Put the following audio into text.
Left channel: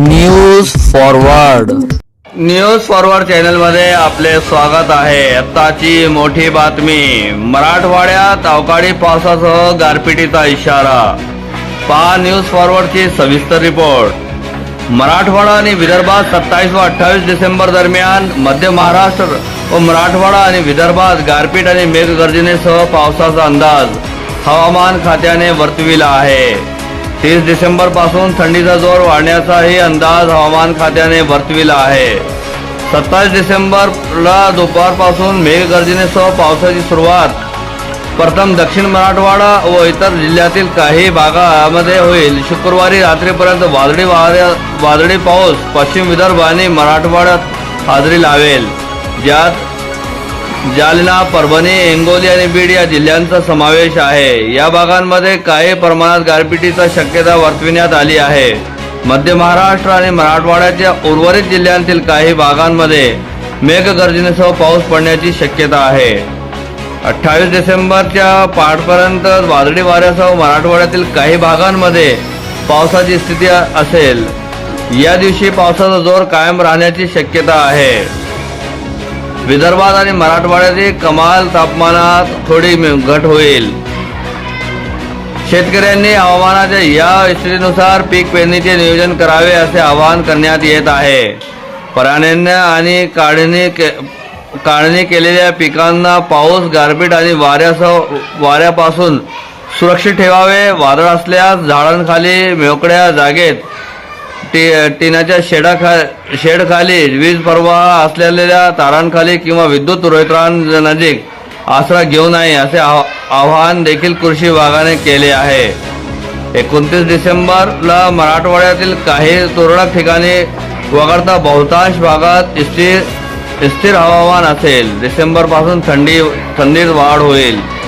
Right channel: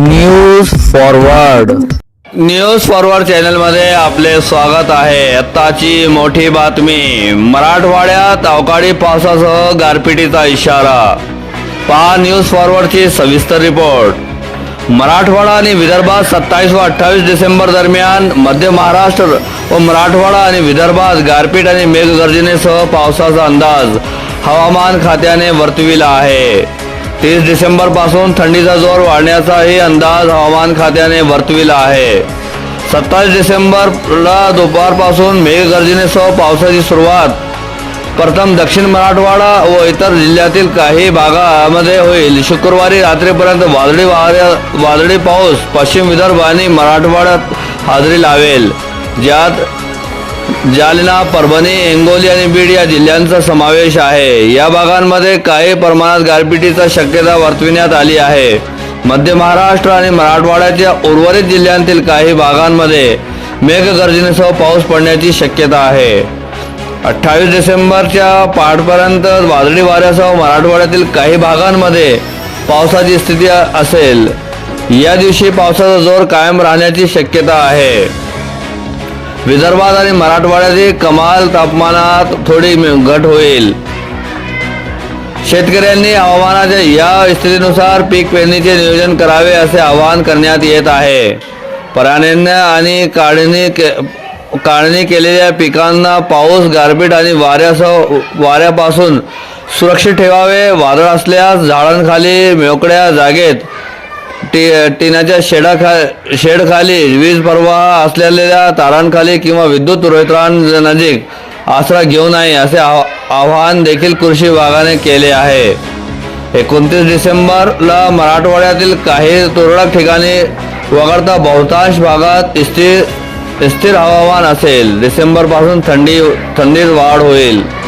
News forward news forward चॅनलमध्ये आपले स्वागत आहे. आत्ताची मोठी बातमी. मराठवाड्यात अवकाळी पावसासह गारपिटीचा इशारा. पहा न्यूज फॉरवर्डची सविस्तर रिपोर्ट. मराठवाडा आणि विदर्भात सत्तावीस व अठ्ठावीस डिसेंबर दरम्यान मध्य महाराष्ट्र व मराठवाडा आणि विदर्भात गारपीट आणि मेघगर्जनेसह पावसाचा अंदाज हवामान खात्याने वर्तविला आहे. तीस डिसेंबरपासून थंडीचा जोर वाढण्याचाही अंदाज हवामान खात्याने वर्तविला आहे. सत्तावीस डिसेंबरला दुपारपासून मेघगर्जनेसह पावसाची सुरुवात. प्रथम दक्षिण मराठवाडा व इतर जिल्ह्यातील काही भागामध्ये होईल. शुक्रवारी रात्रीपर्यंत वादळी वादळी पाऊस पश्चिम विदर्भ आणि मराठवाड्यात हाजरी लावेल. ज्यात जालना परभणी हिंगोली आणि बीड या जिल्ह्यांचा समावेश आहे. या भागांमध्ये काही प्रमाणात गारपिटीचा शक्यता वर्तविण्यात आली आहे. मध्य महाराष्ट्र आणि मराठवाड्याच्या उर्वरित जिल्ह्यांतील काही भागांमध्ये मेघगर्जनेसह पाऊस पडण्याची शक्यता आहे. अठ्ठावीस डिसेंबरच्या पाठपर्यंत वादळी वाऱ्यासह मराठवाड्यातील काही भागांमध्ये पावसाची स्थिती असेल. या दिवशी पावसाचा जोर कायम राहण्याची शक्यता आहे. विदर्भात आणि मराठवाड्यातील कमाल तापमानात थोडी घट होईल. शेतकऱ्यांनी हवामानाच्या या स्थितीनुसार पीक पेरणीचे नियोजन करावे असे आवाहन करण्यात येत आहे. प्राण्यांना आणि काढणी के काढणी केलेल्या पिकांना पाऊस गारपीट आणि वाऱ्यासह वाऱ्यापासून सुरक्षित ठेवावे वादळ असल्यास झाडांखाली मोकळ्या जागेत टी टिनाच्या शेडाखा शेडखाली वीज प्रवाह असलेल्या तारांखाली किंवा विद्युत रोहित्रांनजीक आसरा घेऊ नये असे आव- आवाहन देखील कृषी विभागाने केले आहे. एकोणतीस डिसेंबरला मराठवाड्यातील काही तुरळक ठिकाणी वगळता बहुतांश भागात स्थिर स्थिर हवामान असेल. डिसेंबरपासून थंडी थंडीत वाढ होईल.